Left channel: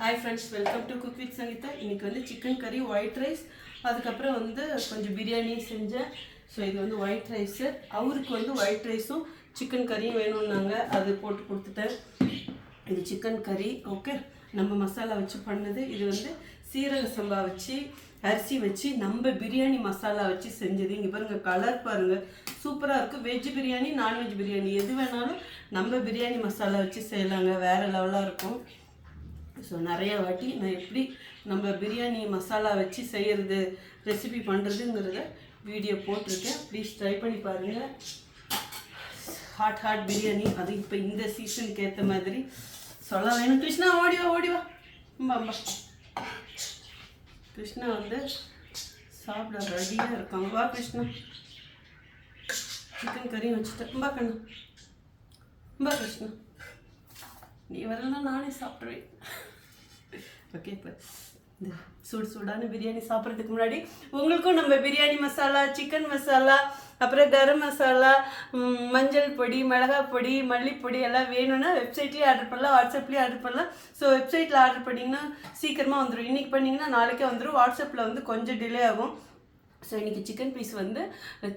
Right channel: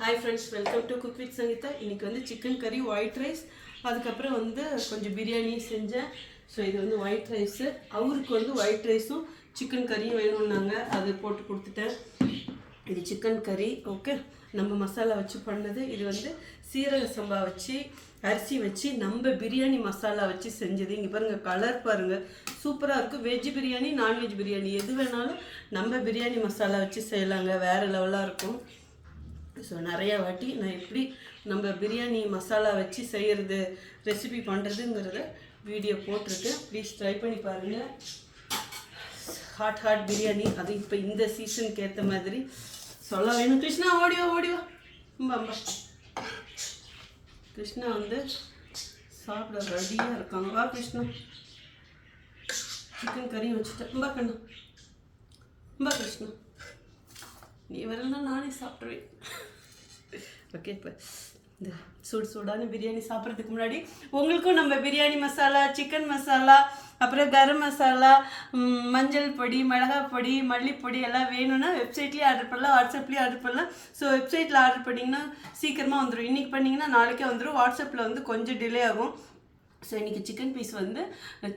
Hi friends, welcome to cook with Sangeetha. இன்றைக்கி வந்து chicken கறி, ஒயிட் ரைஸ், அதுக்கப்புறம் வந்து கொஞ்சம் பிரியாணி செஞ்சேன். ஸோ இது வந்து ஒயிட் ரைஸு. அவருக்கு வந்து ஒயிட் ரைஸும் சிக்கன் கறியும் வேணும்னாங்க, அது போட்டு கொடுத்துட்டேன். இது சிக்கன் கறி. ஓகே, நம்ம மசாலா வச்சு பண்ணது. இது வந்து சீரக சம்பா வச்சு அரிசி வச்சு நம்ம பிரியாணி மசாலா வச்சு செஞ்சது. இங்கே பாருங்கள், கலர் பாருங்கள், சூப்பராக இருக்கும். வெஜ் பிரியாணி, நான்வெஜ் பிரியாணி எது வேணாலும் நம்ம பிரியாணி மசாலா வச்சு செய்யலாங்க, வேறு லெவலாக இருக்கும். ஸோ நிறைய வாட்டி நான் எப்படி நம்ம பிரியாணி மசாலா வச்சு செய்கிறது, ரெசிபி பண்ணுறதுங்கிறத வீடியோ போட்டிருக்கேன். ப்ளீஸ் ட்ரை பண்ணி பாருங்கள். ஹாட் பிரியாணி, அது இப்போ இந்த சீசனுக்கு ஏற்ற மாதிரி சொல்ல வேணும். கிருஷ்ணா ஓடிவா ஓடிவா. அம்மா கிருஷ்ணா வந்து சாப்பிட ரெடியாக இருக்காங்க. வா கிருஷ்ணா, சிக்கன் கறியும் வச்சுட்டேன். ரொம்ப கண்ணு, ரொம்ப கிருஷ்ணா, நீ வரலன்னா நானே சாப்பிட்ருவேன். ஓகே, இப்போ இந்த சூடான பிரியாணி சாப்பிட்றதுக்கு முன்னாடி உங்களுக்கும் நம்ம பிரியாணி மசாலா, சிக்கன் மசாலா, அப்புறம் கரம் மசாலா, மஞ்சள் பொடி, மிளகாய் பொடி, மல்லிப்பொடி எல்லாம் வேணும்னா வெப்சைட்லேயே ஆர்டர் பண்ணலாம், வாட்ஸ்அப்லேயே ஆர்டர் பண்ணலாம். ஸோ வெப்சைட்டில் ஆர்டர் பண்ணிங்கன்னா சீக்கிரமாக வந்துடும். இன்றைக்கி பண்ணிங்கன்னா நாளைக்கே வந்துடும். வாட்ஸ்அப்பில் வந்து கொஞ்சம் டிலே ஆகும். ஸோ இன்றைக்கி சிக்கன் பீஸ் வந்து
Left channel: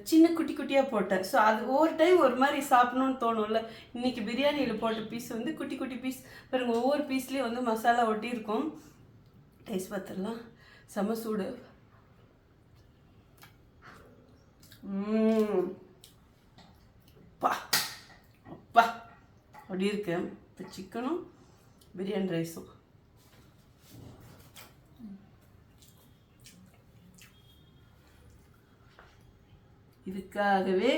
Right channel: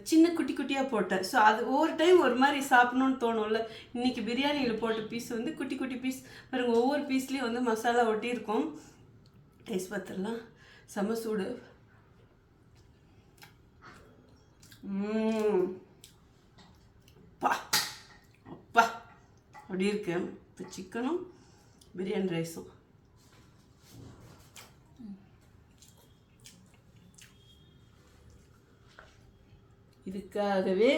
சின்ன குட்டி குட்டியாக போட்டேன். ஸோ அது ஒவ்வொரு டைம் ஒரு மாதிரி சாப்பிட்ணுன்னு தோணும்ல. இன்றைக்கி பிரியாணியில் போட்ட பீஸ் வந்து குட்டி குட்டி பீஸ் பாருங்க. ஒவ்வொரு பீஸ்லேயும் வந்து மசாலா ஒட்டியிருக்கும். டேஸ்ட் பார்த்துடலாம். செம சூடு. அப்பா அப்பா அப்படி இருக்கு. இப்போ சிக்கனும் பிரியாணி ரைஸும் இதுக்காகவே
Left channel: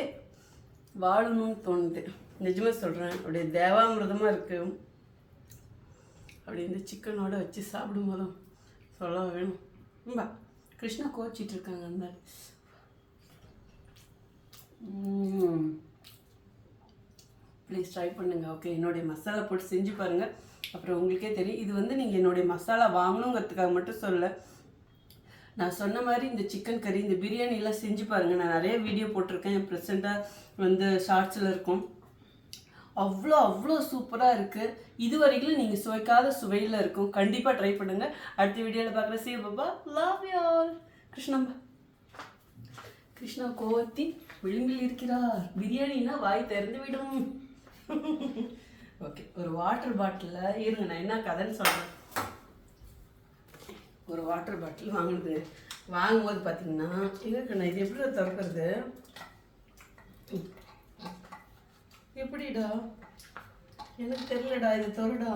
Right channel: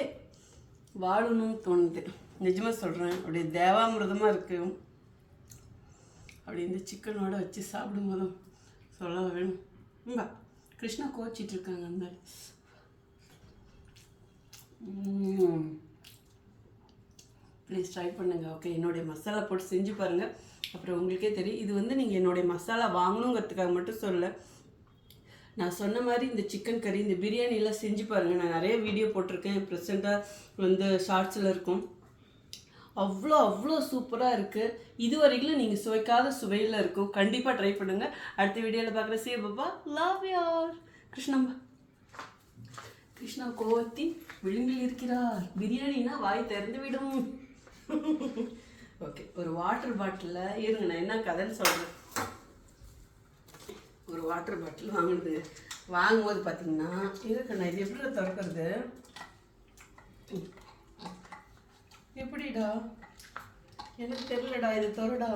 வாழணும்னு தோணுது. நிஜமாக சொல்கிறேன், அப்படியே தேவாமிரதமாக இருக்குது. அப்படி இந்த சிக்கனோட வச்சு சாப்பிடும் போதும் சொல்ல வேணும். ரொம்ப கிருஷ்ணா கோச்சிட்டு இருக்காங்க அந்த மாதிரி. ப்ளீஸ் ட்ரை பண்ணுங்கள். ஓகே, என்னுடைய மசாலா போட்டு செஞ்சு பாருங்கள், அப்புறம் உங்களுக்கே தெரியும். இது வந்து நீங்கள் என்னுடைய மசாலா வாங்கணுங்கிறதுக்காக மட்டும் சொல்ல. நான் சொன்ன மாதிரி இந்த சிக்கன் கறி, இந்த பிரியாணிலாம் செஞ்சு பாருங்கள். நான் நிறைய வீடியோ போட்டிருக்கேன், ப்ரெசென்ட்டாக வந்து ஷார்ட்ஸில் இருக்கும். அவ்வளோ சூப்பராக இருக்குது. இது வரைக்கும் நீங்கள் சுவைக்காத சுவையில் இருக்கும். கண்டிப்பாக ட்ரை பண்ணுங்கள். அடுத்த வீடியோவில் பார்க்குற சீ பாப்பா. Love you all. கிருஷ்ணா கோவத்தி விளிம்பில் இருக்கிறார். பிரியாணினா வாய் திறந்து விடும். ஓகே, ஒரு வாட்டர் பாட்டிலில் இருங்க, நான் என்ன கதைன்னு சொல்கிறேன். ஒரு வாட்டர் பாட்டில் வாங்கும்போது பார்த்தீங்கன்னா இருக்குண்ணா, இது எப்படி திறக்கிறது? எப்படிடா எனக்கு தெரியலடா, இது திறடா.